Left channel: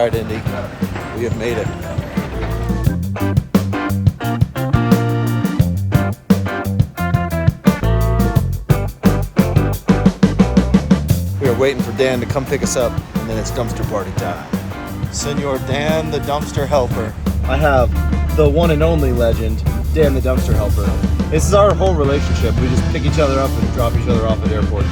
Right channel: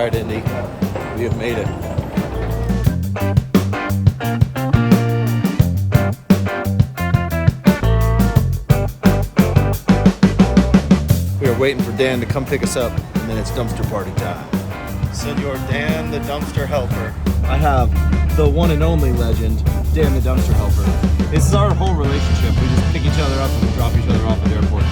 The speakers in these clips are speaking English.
All right, Indy, we have made it. We are waiting for Dan to come pick us up, and then it's dumpster party time. Senor Dan, the dumpster helper. I have the one and only legend, Dan the dumpster helper. This is our whole relationship. We just pick each other up and we drop each other off at airports.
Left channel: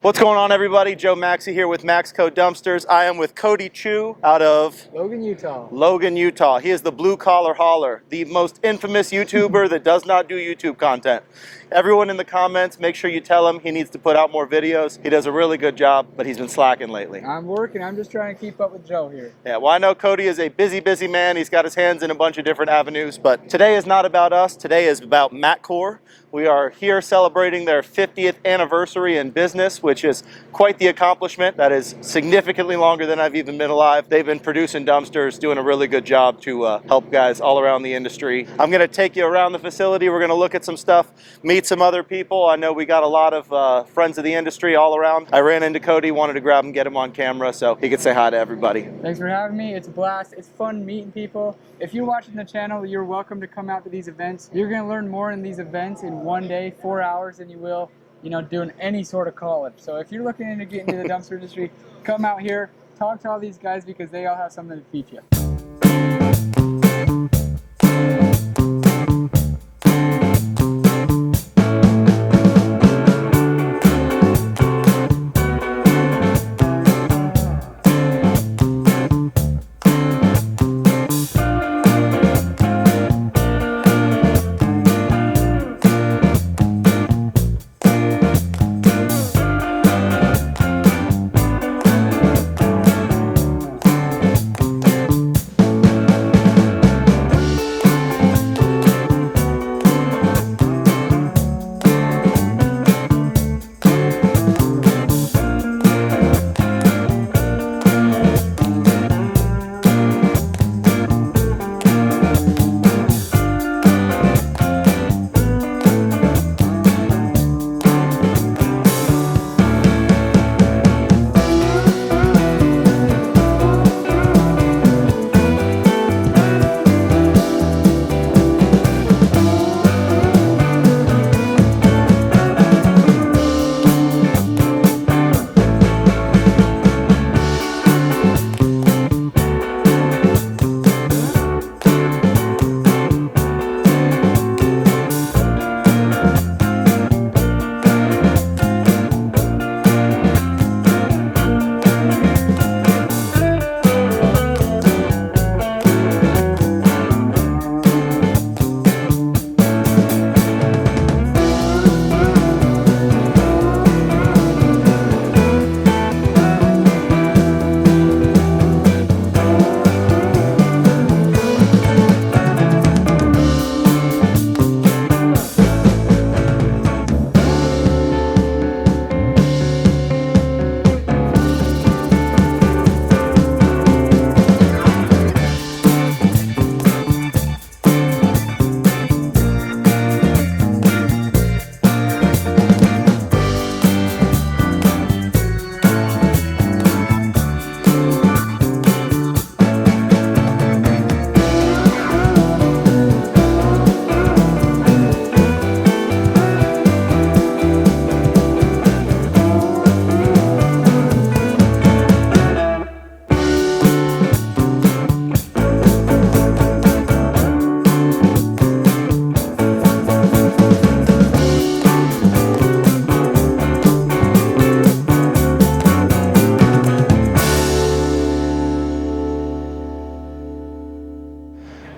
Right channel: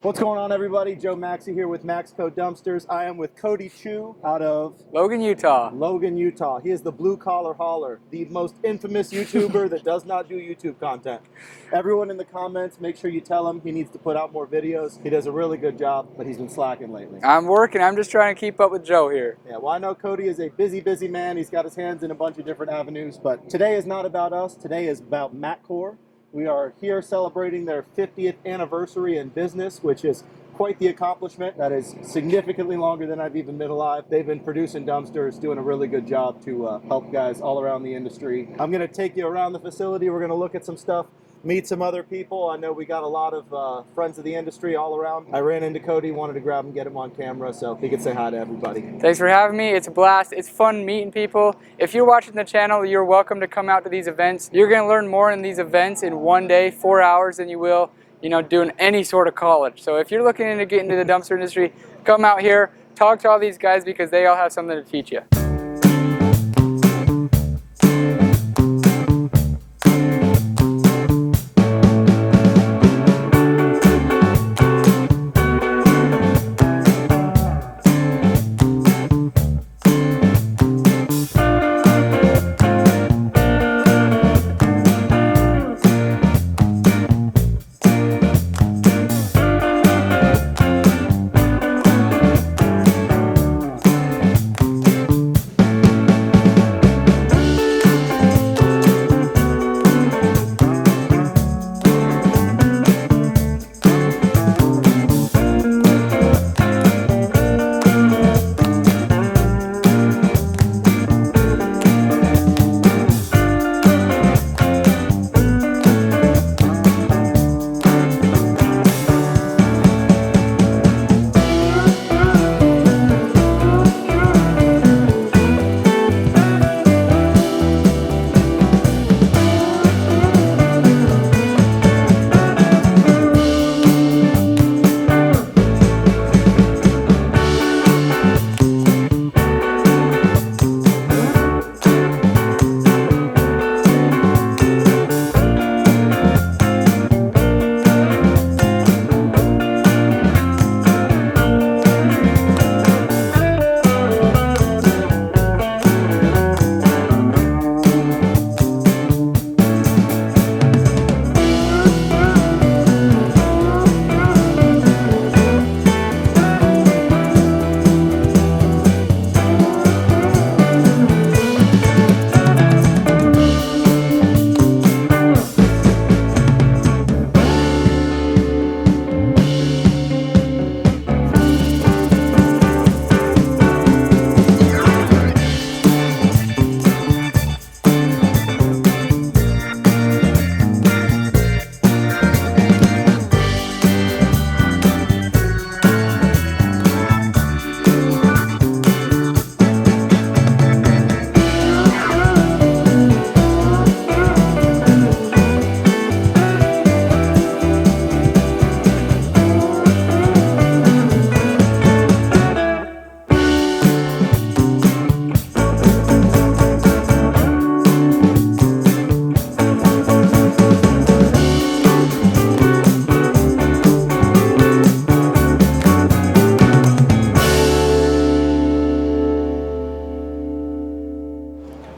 What's going on, everybody? Joe Maxey here with MAXCO Dumpsters. I am with Cody Chu out of Logan, Utah. Logan, Utah. He is the blue collar hauler, the most infamous YouTuber that does not do YouTube content. Everyone in the comments, make sure you tell him he needs to put out more videos. He does a really good job, but he's been slacking lately. I'm working. I'm just trying to keep up with Joe here. Yeah, well, I know Cody is a busy man. He's got his hands in a bunch of different avenues, but today is not about us. Today is about MAC Corp. We are here celebrating their 50th anniversary in business, which is quite the accomplishment. That is significantly longer than I've even been alive. They've been producing dumpsters, doing a really good job to help guys all around the industry. I'm gonna take you around the facility. We're gonna look at some stuff, meet some other people. I know we got a lot of friends of the industry all around. I ran into Cody, wanted to grab him, get him on camera so he could say hi to everybody. Thanks for having me. It's a blast. It's fun meeting people. If you're watching the channel, you're welcome to come out to these events. You're gonna learn more in these events in one day, 4 hours, than you will, doing any sort of college. So if you're looking into getting into the dumpster industry, come out here, talk to all these guys because they all have something to teach you.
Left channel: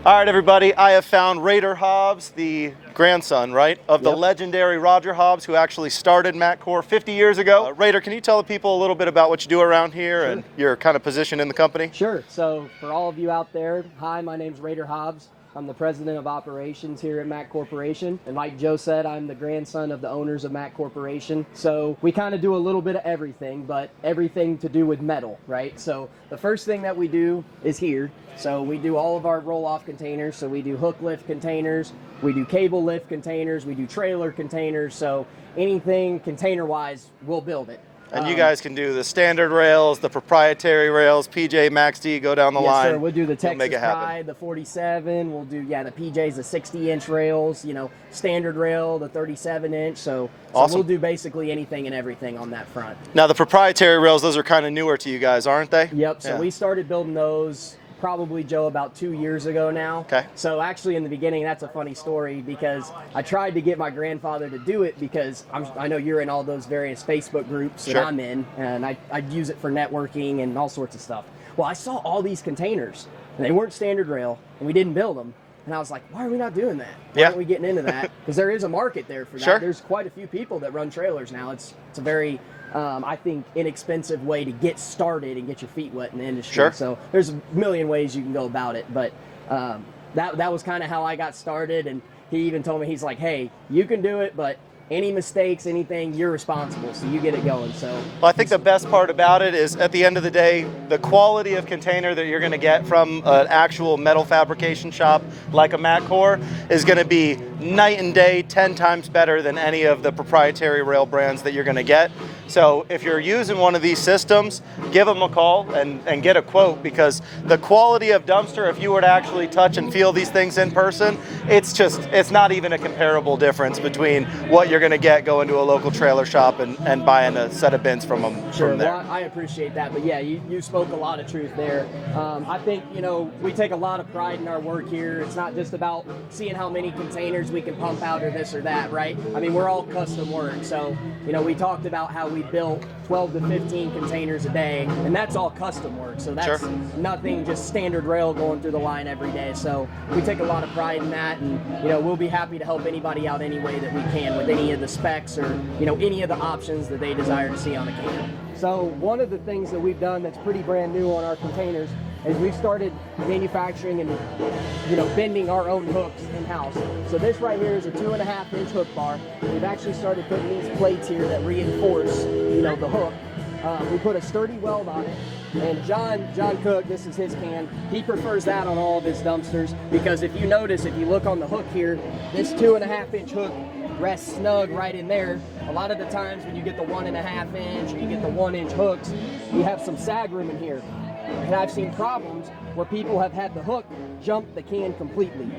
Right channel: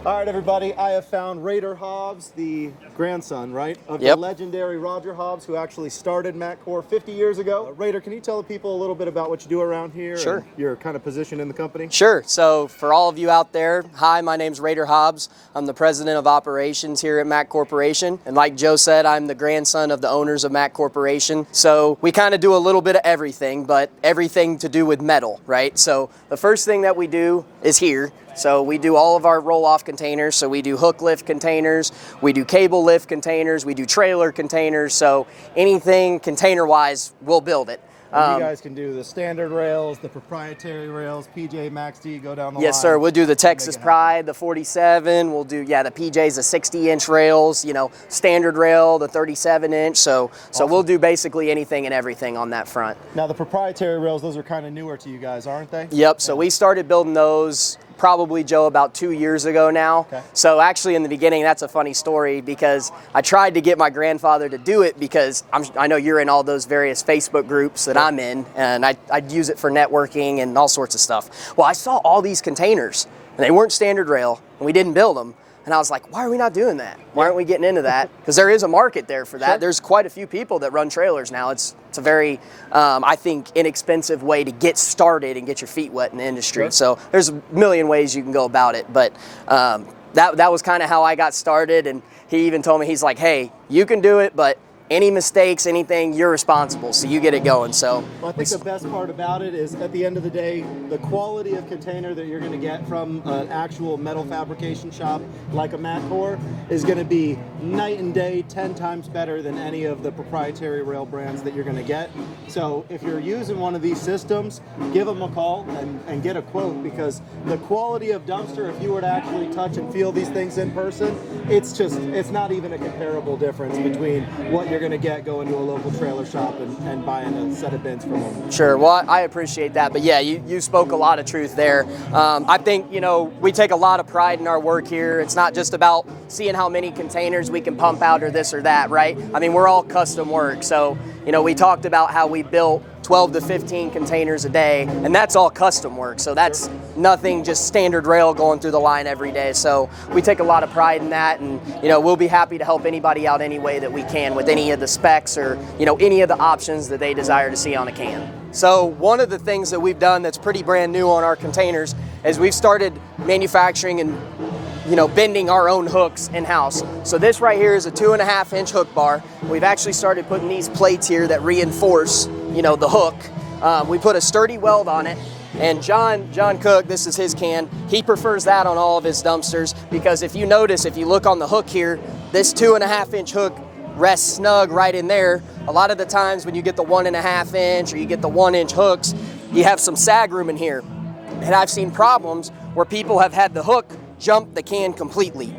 All right, everybody, I have found Raider Hobbs, the grandson, right, of the legendary Roger Hobbs, who actually started MAC Corp 50 years ago. Raider, can you tell the people a little bit about what you do around here and your kind of position in the company? Sure. So for all of you out there, hi, my name's Raider Hobbs. I'm the president of operations here at MAC Corporation. And like Joe said, I'm the grandson of the owners of MAC Corporation. So we kind of do a little bit of everything, but everything to do with metal, right? So the first thing that we do is here. So we do all of our roll-off containers. So we do hook lift containers, we do cable lift containers, we do trailer containers. So anything container-wise, we'll build it. And you guys can do the standard rails, the proprietary rails, PJ, Max D, go down the line. Yes, sir. We'll do the We'll Texas make it happen. Pride, the 47. We'll do, the PJ's, the 60-inch rails, standard rail, the 37-inch. So Awesome. we'll do basically anything and everything on that front. Now, the proprietary rails, those are kind of newer to you guys, aren't they? Yep. So Yeah. we started building those probably, Joe, about 2 years ago now. Okay. So actually in the beginning, that's a funny story because I tried to get my grandfather to do it because I know you're in all those various Facebook groups that Sure. I'm in, and I'd use it for networking and all sorts of stuff. Well, I saw all these containers, and they weren't standard rail, and we didn't build them. And I was like, why are we not doing that? Why Yeah. aren't we getting into that? Because there is a market there for that. Sure. There's quite a few people that run trailers now. It's a very, I think, inexpensive way to get started and get your feet wet in the industry. Sure. So there's a million ways you can go about it. But that was kind of how I got started. And he even told me, he's like, hey, you can do it, but any mistakes, anything, you're responsible. So you get it going. So Well, I think the best part about it is at the end of the day, the quality of container that you're going to get from an actual metal fabrication shop like a MAC Corp is going to be night and day, 10 times better than any of the proprietary rail brands that you're going to get. So if you're using one of these systems, give them a call and get a quote, because the quality of dumpster, if you were to actually touch and feel these things in person, it's not even a comparable difference between what you're going to get going to a local trailer shop and buying a set of bins from them. Sure. Well, I appreciate that. But yeah, you spoke a lot of truth there. I think, we take a lot of pride in our work here. It's not just about seeing how many containers we can pump out or this or that, right? I mean, we're all custom work. So, we talked about how we built 12 to 15 containers a day, and that's all custom work. So that's Sure. nothing just standard rail going through the line every day. So we take a lot of pride in that, and we'll be happy to help anybody out any way that we can with any of the specs or any of the options that they desire to see on a can. So one of the things that we've done that's pretty brand new on our containers is we've started manufacturing and bending our own hooks in-house. So this right here is a 2.5-inch hook bar. We've actually started putting these plates here that reinforce the hook. We put a sturdy weld on it, and John Cook, this is his can, he prefers that on all of his dumpsters because if you notice, if you look on the hook here, this 2.5-inch hook rests snug right in there. A lot of the times when you get the 1.5-inch or you get the 1-inch hooks, you have some sag room in here. And I've seen problems where people have had the hook jump the can completely.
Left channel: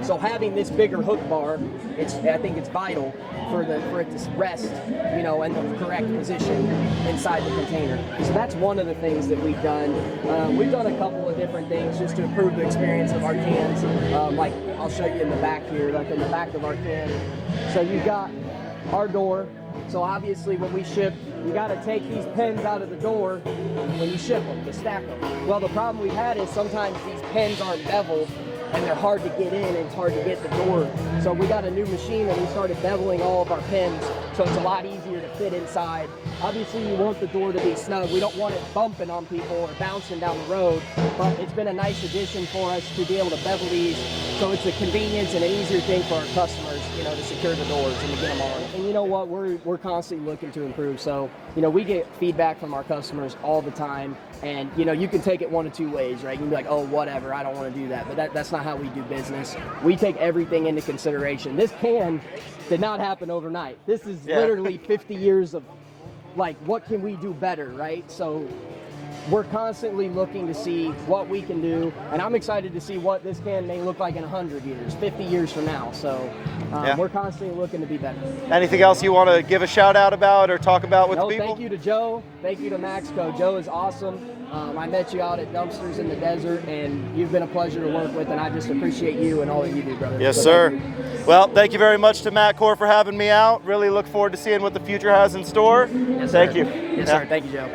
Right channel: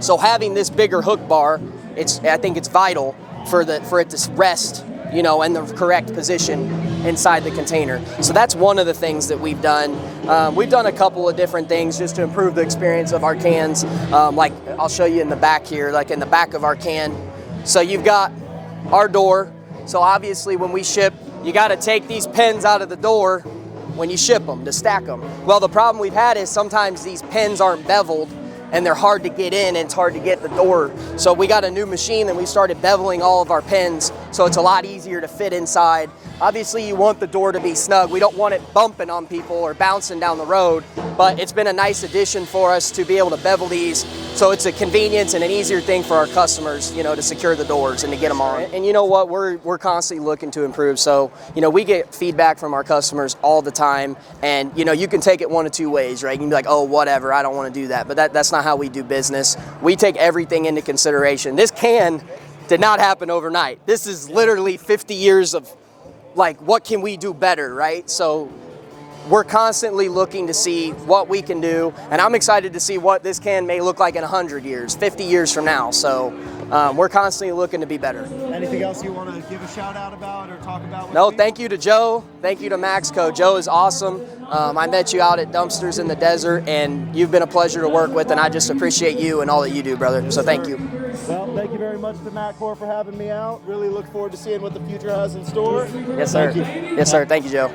So having this bigger hook bar, I think it's vital for it to rest, in the correct position inside the container. So that's one of the things that we've done. We've done a couple of different things just to improve the experience of our cans. Like I'll show you in the back here, like in the back of our can. So you've got our door. So obviously when we ship, you got to take these pins out of the door when you ship them to stack them. Well, the problem we've had is sometimes these pins aren't beveled and they're hard to get in and it's hard to get the door. So we got a new machine that we started beveling all of our pins so it's a lot easier to fit inside. Obviously you want the door to be snug. We don't want it bumping on people or bouncing down the road, but it's been a nice addition for us to be able to bevel these. So it's a convenience and an easier thing for our customers, to secure the doors and to get them on. And you know what, we're constantly looking to improve. So, we get feedback from our customers all the time, and you can take it one of two ways, right? You can be like, oh, whatever, I don't want to do that. But that's not how we do business. We take everything into consideration. This can did not happen overnight. This is literally 50 years of what can we do better, right? So we're constantly looking to see what we can do, and I'm excited to see what this can may look like in 100 years, 50 years from now. So we're constantly looking to be better. Anything else you want to give a shout out about or talk about with people? Thank you to Joe. Thank you to MAXCO. Joe is awesome. I met you out at Dumpsters in the Desert, and you've been a pleasure to work with, and I just appreciate you and all that you do, brother. Yes, so sir. Thank you. Well, thank you very much to MAC Corp for having me out. Really look forward to seeing what the future has in store. Yes, sir. Thank you. Yes, sir. Thank you, Joe.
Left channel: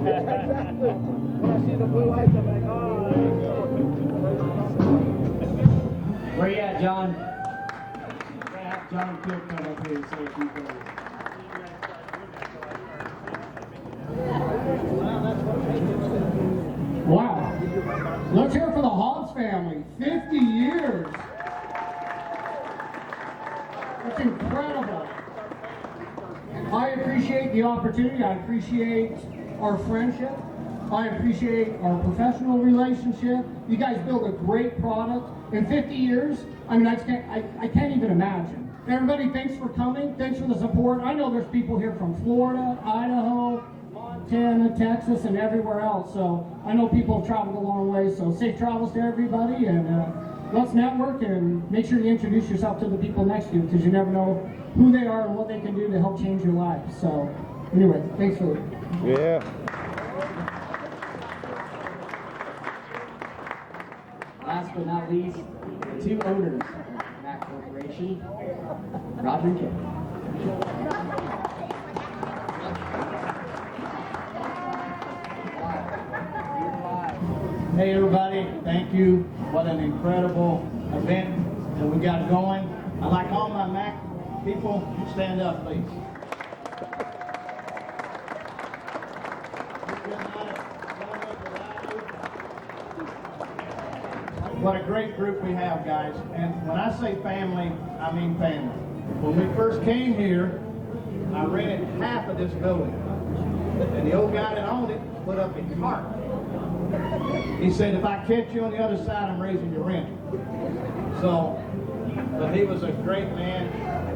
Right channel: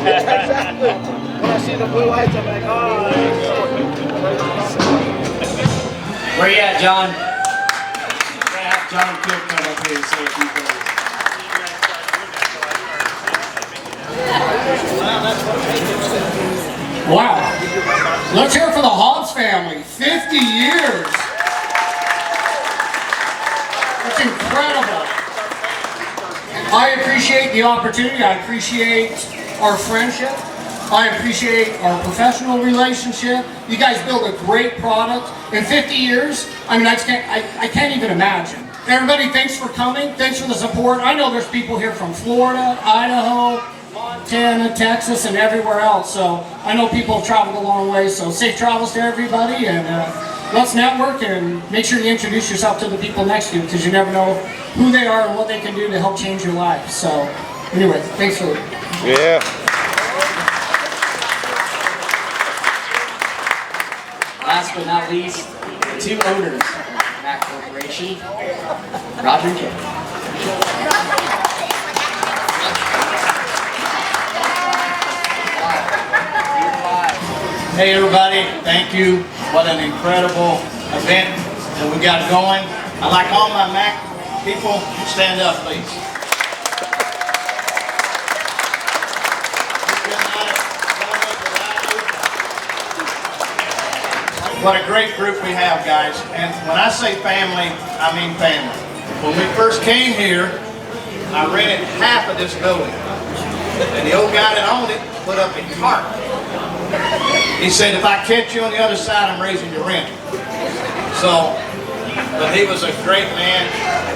Exactly. When I see the blue lights, I'm like, oh. Where you at, John? Have John Cook come up here and say a few things. Wow. Let's hear it for the Hobbs family. 50 years. That's incredible. I appreciate the opportunity. I appreciate our friendship. I appreciate our professional relationship. You guys build a great product. In 50 years, I mean, I can't even imagine. Everybody, thanks for coming. Thanks for the support. I know there's people here from Florida, Idaho, Montana, Texas, and everywhere else. So I know people have traveled a long way. So safe travels to everybody, and let's network and make sure you introduce yourself to the people next to you, because you never know who they are and what they can do to help change your life. So anyway, thanks for it. Yeah. Last but not least, the two owners of MAC Corporation, Roger and Kim. Hey everybody, thank you. What an incredible event that we got going. I'd like all my MAC people to stand up, please. What a great group we have, guys. And when I say family, I mean family. When we first came here, I rented half of this building. And the old guy that owned it put up a tarp. He said, if I catch you on the other side, I'm raising your rent. So, but he was a great man.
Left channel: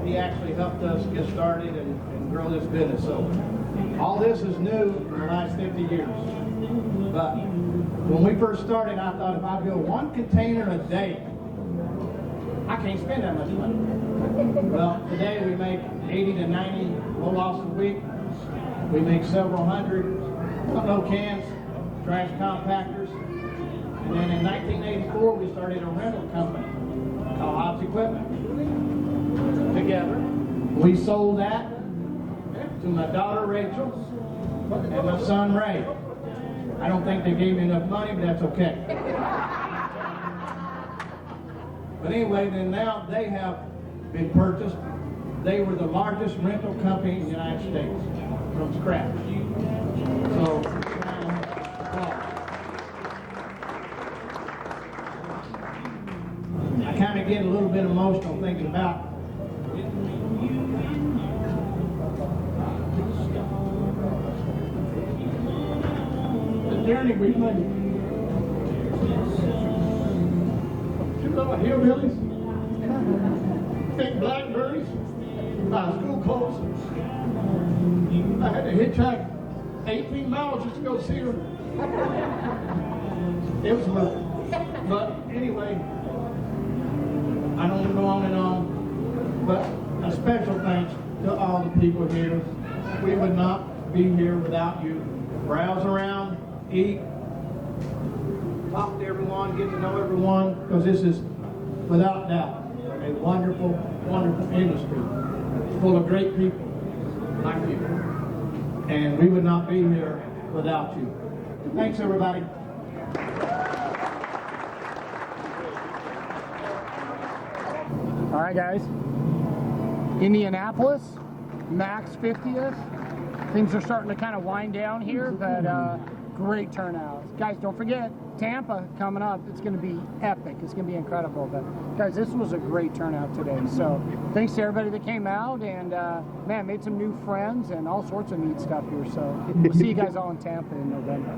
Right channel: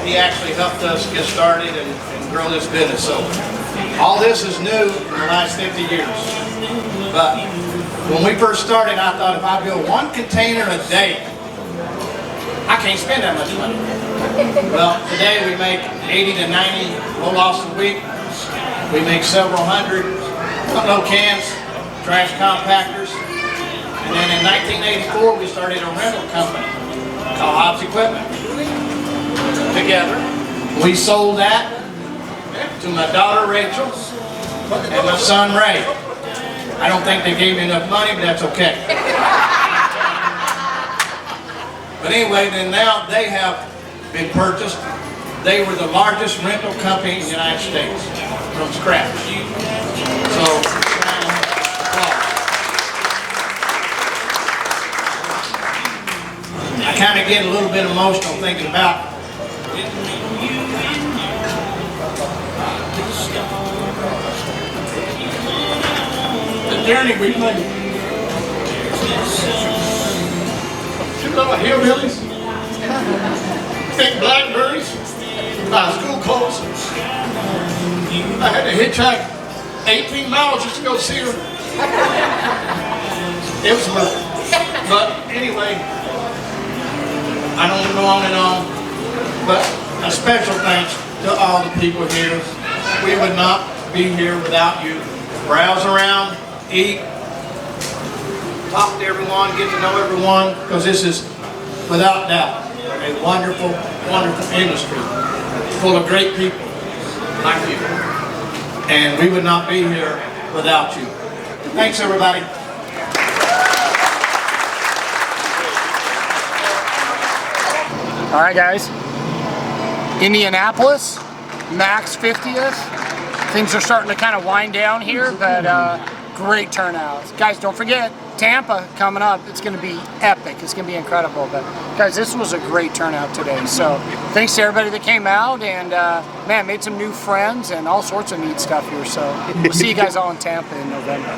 He actually helped us get started and grow this business. So, all this is new in the last 50 years. But when we first started, I thought if I build one container a day, I can't spend that much money. Well, today we make 80 to 90 roll-offs a week. We make several hundred unload cans, trash compactors. And then in 1984, we started a rental company called Hobbs Equipment. Together, we sold that to my daughter Rachel and my son Ray. I don't think they gave me enough money, but that's okay. But anyway, then now they have been purchased. They were the largest rental company in the United States from scratch. So, I kind of get a little bit emotional thinking about the journey we made. You little hillbillies, big blackberries, buy school coats. I had to hitchhike 18 miles just to go see her. It was rough. But anyway, I don't want to go on and on, but a special thanks to all the people here. We would not be here without you. Browse around, eat, talk to everyone, get to know everyone, because this is, without doubt, a wonderful, wonderful industry full of great people like you. And we would not be here without you. Thanks, everybody. All right, guys. Indianapolis, MAC's 50th. Things are starting to kind of wind down here, but great turnout. Guys, don't forget, Tampa coming up. It's going to be epic. It's going to be incredible. But guys, this was a great turnout today. So thanks to everybody that came out, and man, made some new friends and all sorts of neat stuff here. So we'll see you guys all in Tampa in November.